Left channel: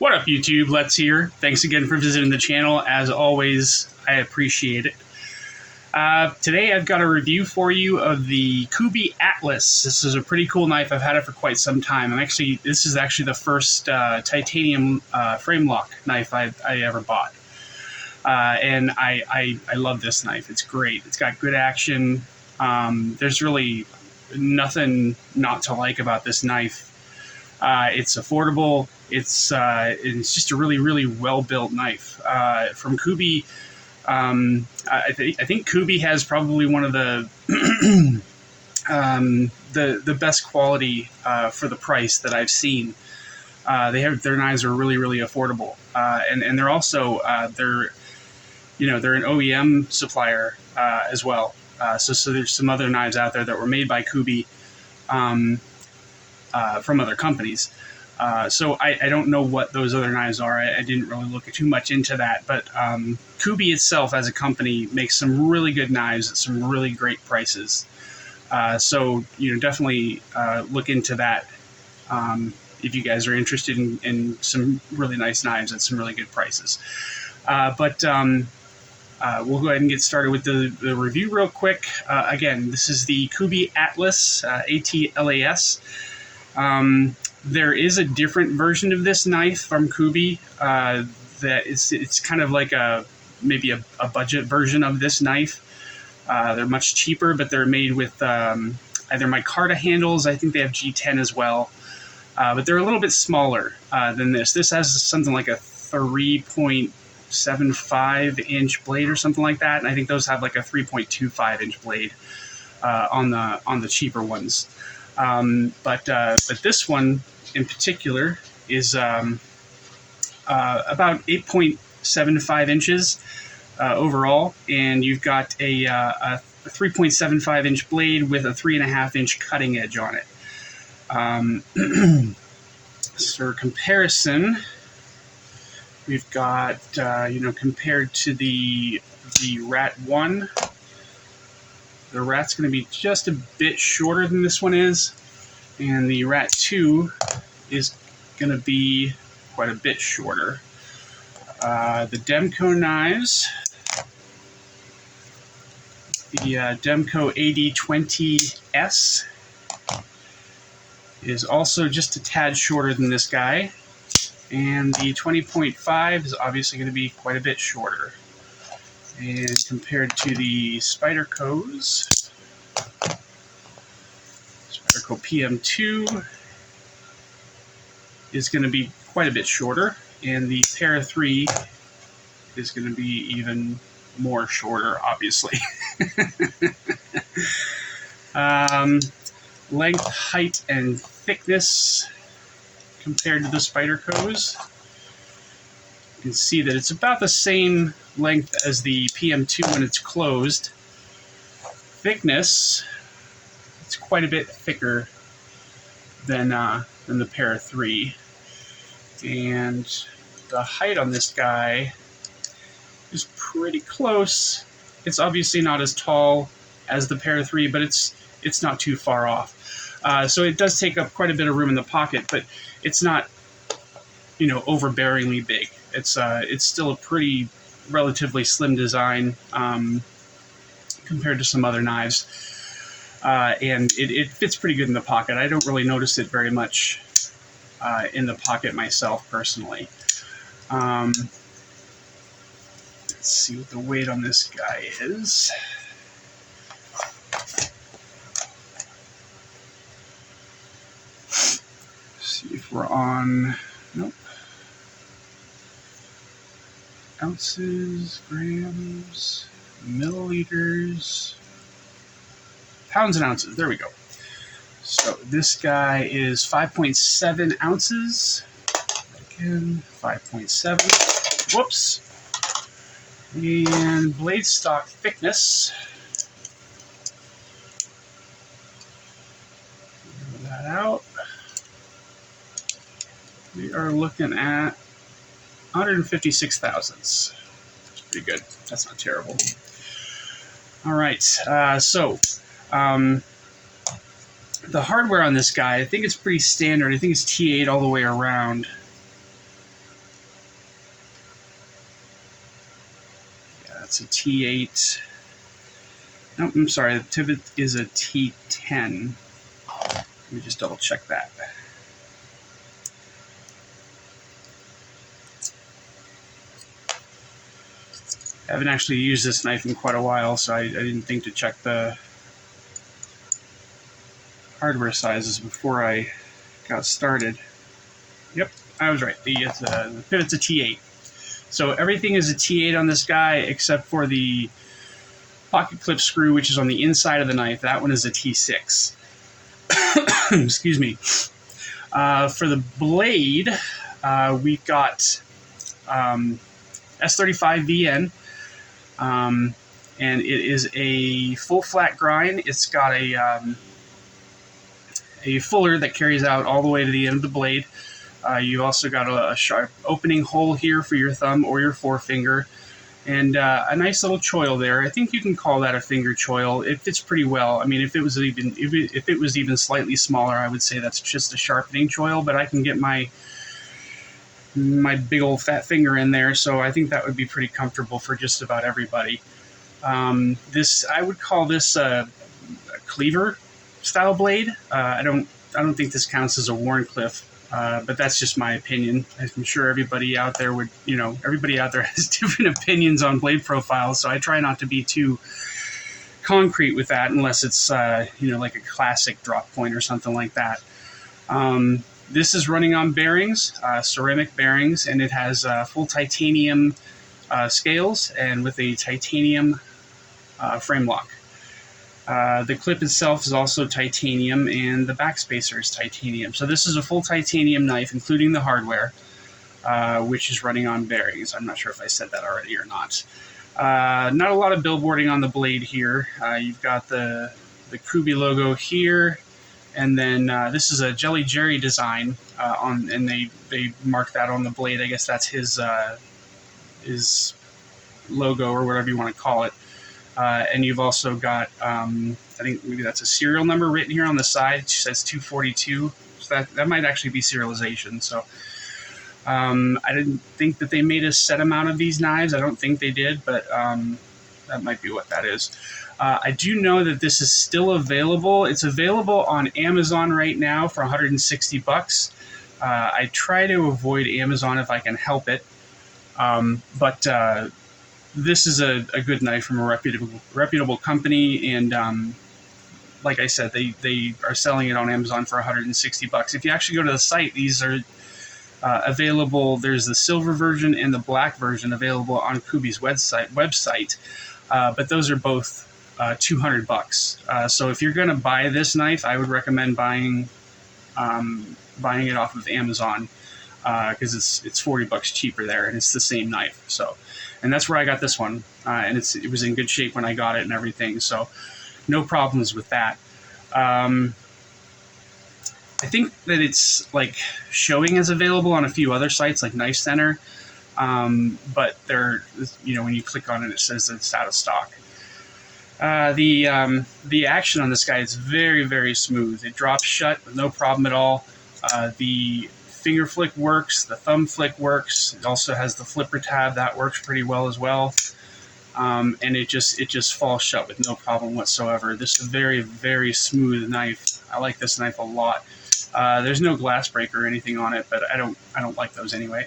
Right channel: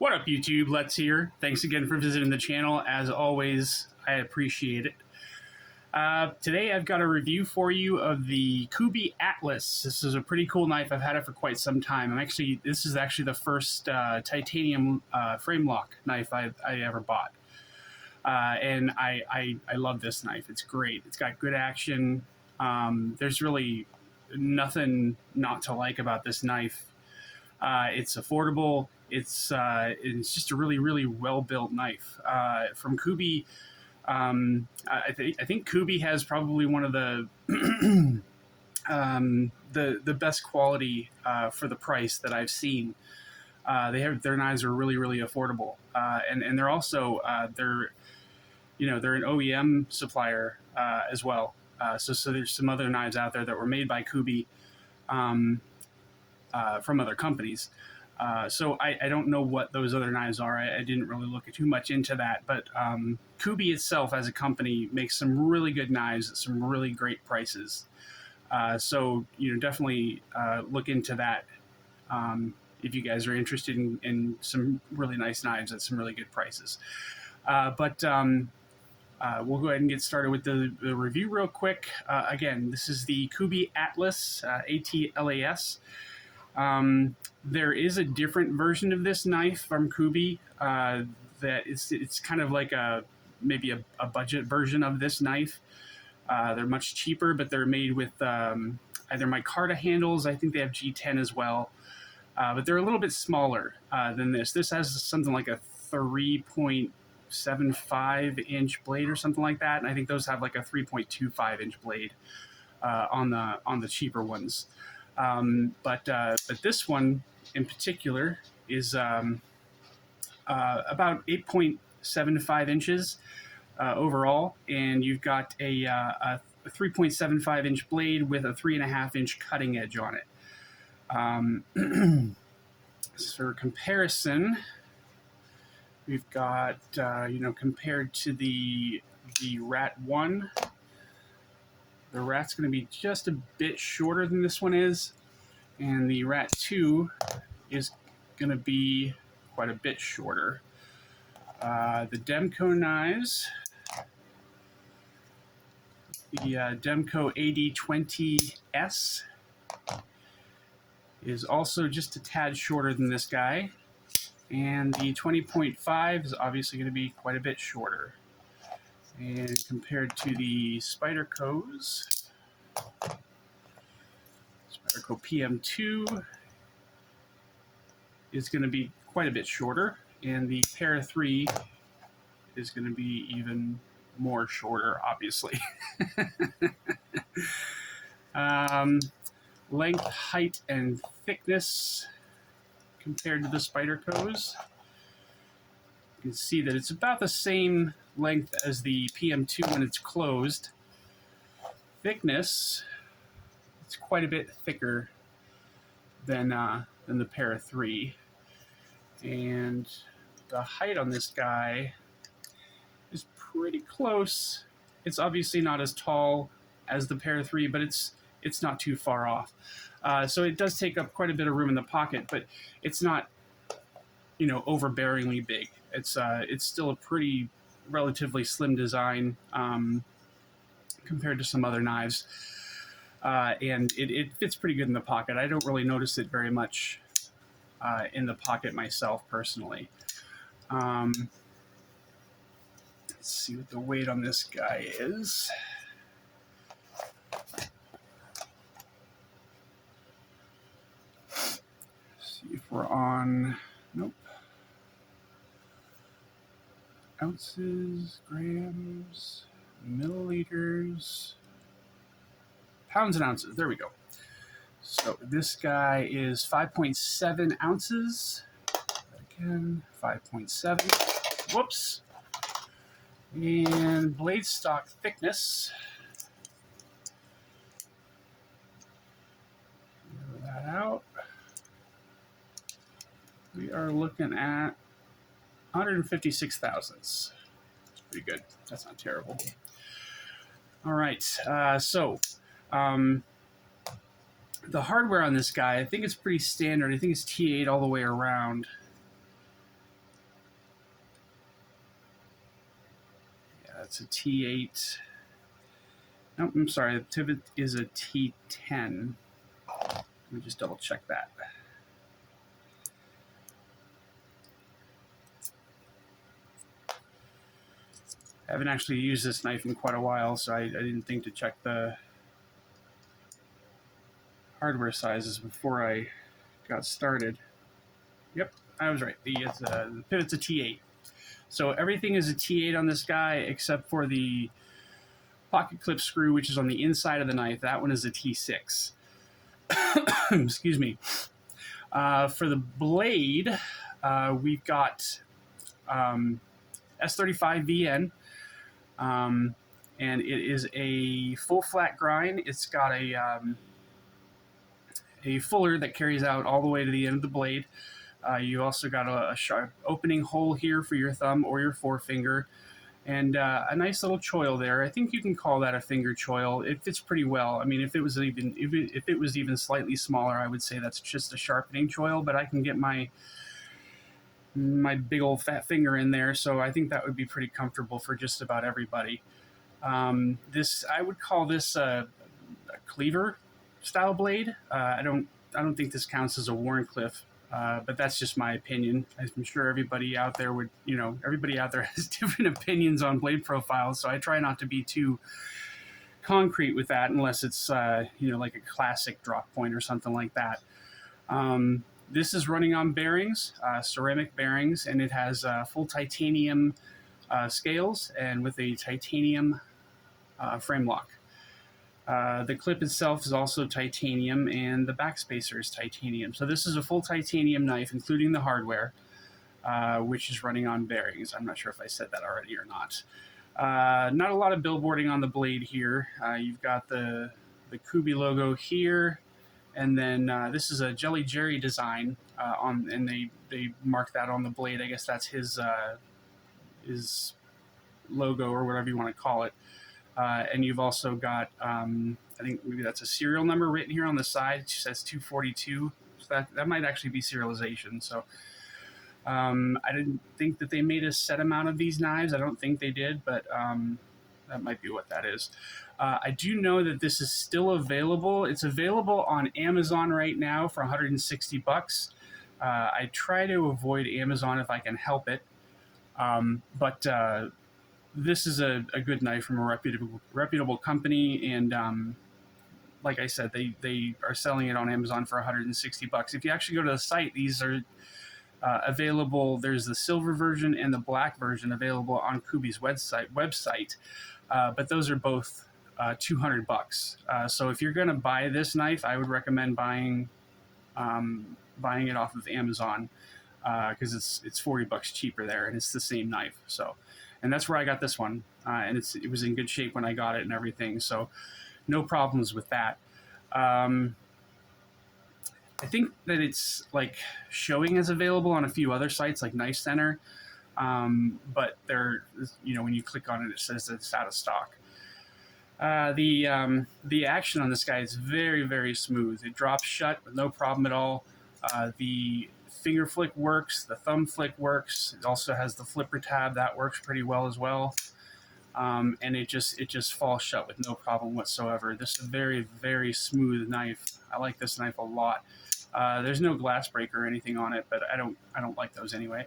What up, YouTube? Let's here. Thanks again for visiting the channel. As always, I appreciate it. Today I've got a review for you of the Kubey Atlas. This is a pretty cool knife. I've had it for quite some time. This is actually the first titanium frame lock knife I ever bought. And I love this knife. It's great. It's got good action. There's really nothing not to like about this knife. It's affordable. It's just a really well built knife from Kubey. I think Kubey has probably one of the the best quality for the price that I've seen. Their knives are really affordable, and they're also they're an OEM supplier as well. So there's some other knives out there that were made by Kubey from other companies. So I don't know what those other knives are. I didn't really look too much into that, but Kubey itself as a company makes some really good knives at some really great prices. So definitely look into that if you guys are interested in some really nice knives at some really good prices. But we'll go ahead and get started with the review real quick. Again, this is the Kubey Atlas, ATLAS. There is a different version of this knife from Kubey that it's kind of like maybe a budget version of this knife. They're much cheaper, but they're made with either micarta handles. I think they have G10 as well, but they're a little bit smaller than this. This has something like a 3.75 inch blade or something like that, and I think those have like a 3.25 inch blade on the cheaper ones. But this one in particular is about 8.75 inches overall, and you've got a 3.75 inch blade with a 3.5 inch cutting edge on it. So for comparison, we've got compared to the Rat 1. The Rat's going to be just a bit shorter than this one is, and the Rat 2 is going to be quite a bit shorter. The Demco knives, the Demco AD20S is also just a tad shorter than this guy, and the 20.5 is obviously going to be quite a bit shorter. And compared to the Spyderco's, Spyderco PM2 is going to be quite a bit shorter, and the Para 3 is going to be even more shorter, obviously. Length, height, and thickness compared to the Spyderco's. You can see that it's about the same length as the PM2 when it's closed. Thickness, it's quite a bit thicker than the Para 3. And the height on this guy is pretty close. It's obviously not as tall as the Para 3, but it's not too far off. So it does take up quite a bit of room in the pocket, but it's not overbearingly big. It's still a pretty relatively slim design compared to some other knives, and it fits pretty good in the pocket. I don't really notice it very much in the pocket myself personally. Let's see what the weight on this guy is. See if we're on. Nope. Ounces, grams, milliliters, pounds and ounces. There we go. So this guy is 5.7 ounces. Again, 5.7. Whoops. And blade stock thickness. Move that out. We are looking at 156 thousandths. That's pretty good. That's not terrible. All right. The hardware on this guy, I think it's pretty standard. I think it's T8 all the way around. It's a T8. No, I'm sorry, the pivot is a T10. Let me just double check that. I haven't actually used this knife in quite a while, so I didn't think to check the hardware sizes before I got started. Yep, I was right. The pivot's a T8. So everything is a T8 on this guy except for the pocket clip screw, which is on the inside of the knife. That one is a T6. Excuse me. For the blade, we've got S35VN, and it is a full flat grind. It's got a fuller that carries out all the way to the end of the blade. You also got a sharp opening hole here for your thumb or your forefinger, and a nice little choil there. I think you can call that a finger choil. It fits pretty well. I mean, if it was even slightly smaller, I would say that's just a sharpening choil. But I can get my big old fat finger in there, so I think that would be pretty comfortable for just about everybody. I would call this a cleaver style blade. I don't think this counts as a Wharncliffe. But that's just my opinion. I'm sure everybody out there has different opinions on blade profiles, so I try not to be too concrete with that unless it's, like a classic drop point or something like that. This is running on bearings, ceramic bearings, and it has full titanium scales and with a titanium frame lock. The clip itself is also titanium, and the backspacer is titanium. So this is a full titanium knife, including the hardware, which is running on bearings. I'm not sure if I said that already or not. Not a lot of billboarding on the blade here. You've got the Kubey logo here, and then this is a Jelly Jerry design, and they mark that on the blade. I guess that's his logo or whatever you want to call it. And you've also got, I think maybe that's a serial number written here on the side. It says 242. So that might actually be serialization. So I didn't think that they made a set amount of these knives. I don't think they did, but that might be what that is. I do know that this is still available. It's available on Amazon right now for $160. I try to avoid Amazon if I can help it. But this is a good knife from a reputable company, and like I said, they are selling it on Amazon for $160. If you actually go to the site, these are available. There's the silver version and the black version available on Kubey's website, but those are both $200. So if you're going to buy this knife, I would recommend buying it off of Amazon, because it's $40 cheaper there, and it's the same knife. So. And that's where I got this one, and it was in good shape when I got it and everything, so no problems with that. I think that it's like showing as available on a few other sites like Knife Center, but they're, when you click on it, it says that it's out of stock. The action on this guy is very, very smooth. It drops shut with no problem at all. The finger flick works, the thumb flick works. It also has the flipper tab that works pretty well as well, and it just falls shut with no problem whatsoever. This is a very, very smooth knife. I like this knife a lot. There's no glass break or anything on it, but I don't like those anyway.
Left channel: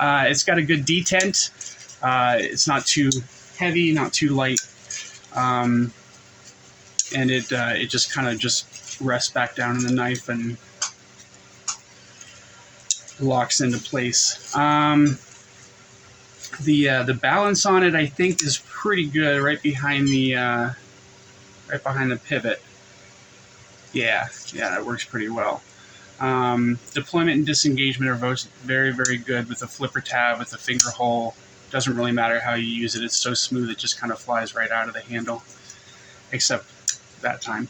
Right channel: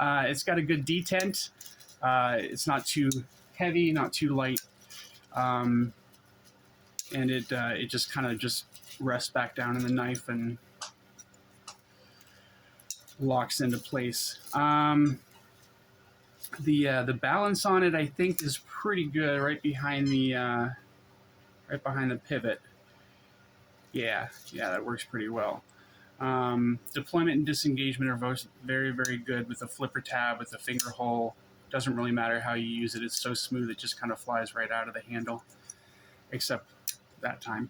It's got a good detent. It's not too heavy, not too light, and it just kind of just rests back down in the knife and locks into place. The balance on it, I think, is pretty good. Right behind the pivot. Yeah, that works pretty well. Deployment and disengagement are both very, very good with the flipper tab, with the finger hole. Doesn't really matter how you use it. It's so smooth it just kind of flies right out of the handle, except that time.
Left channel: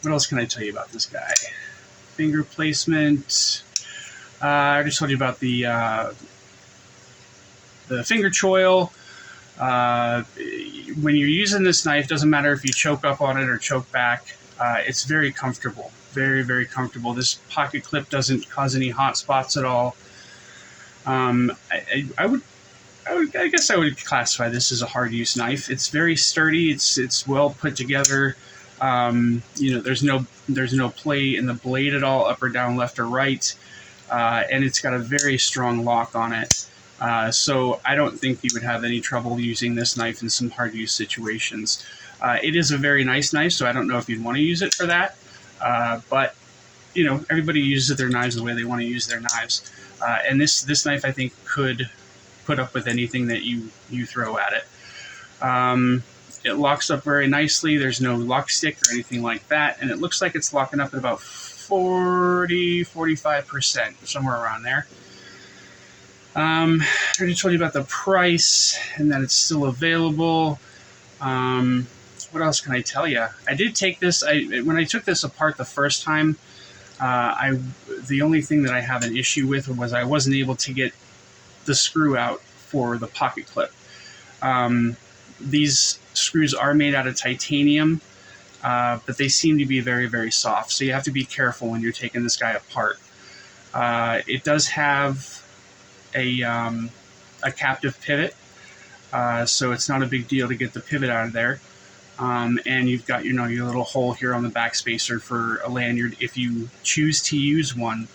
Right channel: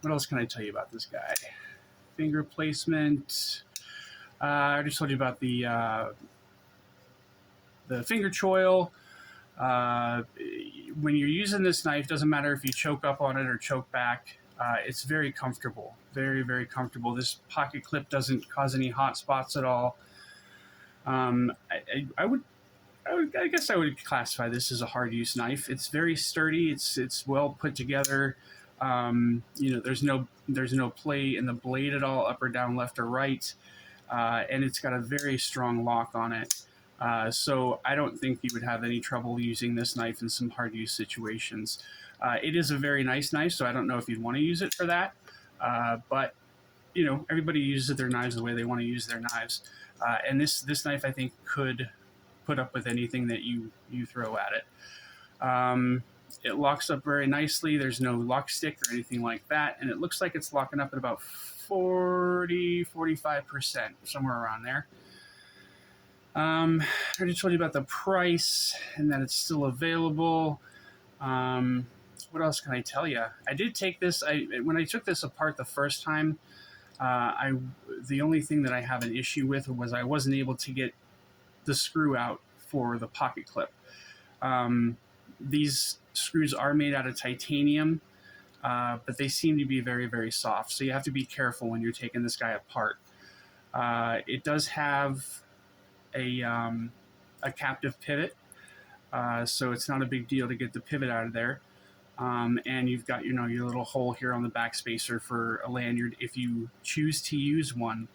What else can I tell you about this guy? Finger placement. I already told you about the finger choil. When you're using this knife, doesn't matter if you choke up on it or choke back. It's very comfortable. Very, very comfortable. This pocket clip doesn't cause any hot spots at all. I guess I would classify this as a hard use knife. It's very sturdy. It's well put together. There's no play in the blade at all, up or down, left or right, and it's got a very strong lock on it. So I don't think you would have any trouble using this knife in some hard use situations. It is a very nice knife, so I don't know if you'd want to use it for that. But everybody uses their knives the way they want to use their knives, and this knife I think could put up with anything that you throw at it. It locks up very nicely. There's no lock stick or anything like that, and it looks like it's locking up at about 45%, somewhere around there. I already told you about the price and that it's still available. What else can I tell you? I did take this. When I took this apart the first time, the only thing that I have an issue with was I wasn't able to get the screw out for the pocket clip. These screws are made out of titanium, but they seem to be very, very soft. So you have to be careful when you're taking this guy apart. It does have a captive pivot, so it's not a big deal to get the pivot out of there. And you've got your little hole here on the back spacer for a lanyard if you choose to use one.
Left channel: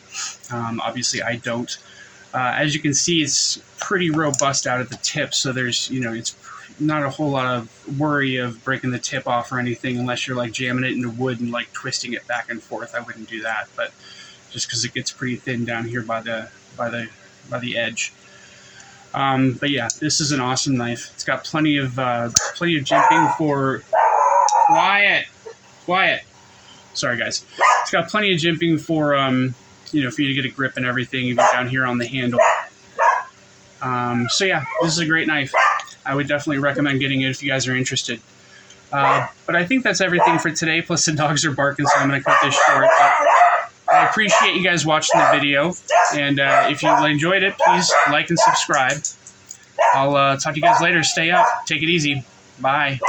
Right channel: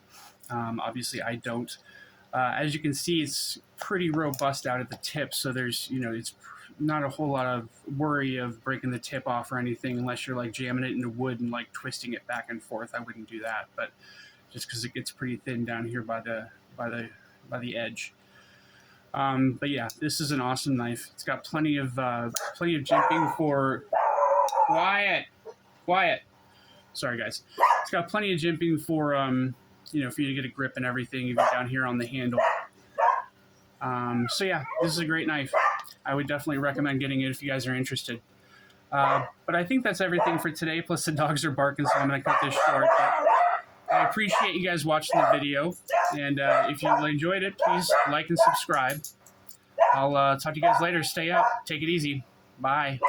Obviously, I don't. As you can see, it's pretty robust out at the tip, so there's it's not a whole lot of worry of breaking the tip off or anything, unless you're like jamming it into wood and like twisting it back and forth. I wouldn't do that, but just because it gets pretty thin down here by the edge. But yeah, this is an awesome knife. It's got plenty of jimping for quiet. Sorry guys. It's got plenty of jimping for for you to get a grip and everything, even down here on the handle. So yeah, this is a great knife. I would definitely recommend getting it if you guys are interested. But I think that's everything for today. Plus the dogs are barking, so I'm going to cut this short. But I appreciate you guys watching the video, and if you enjoyed it, please like and subscribe. I'll talk to you guys later. Stay up. Take it easy. Bye.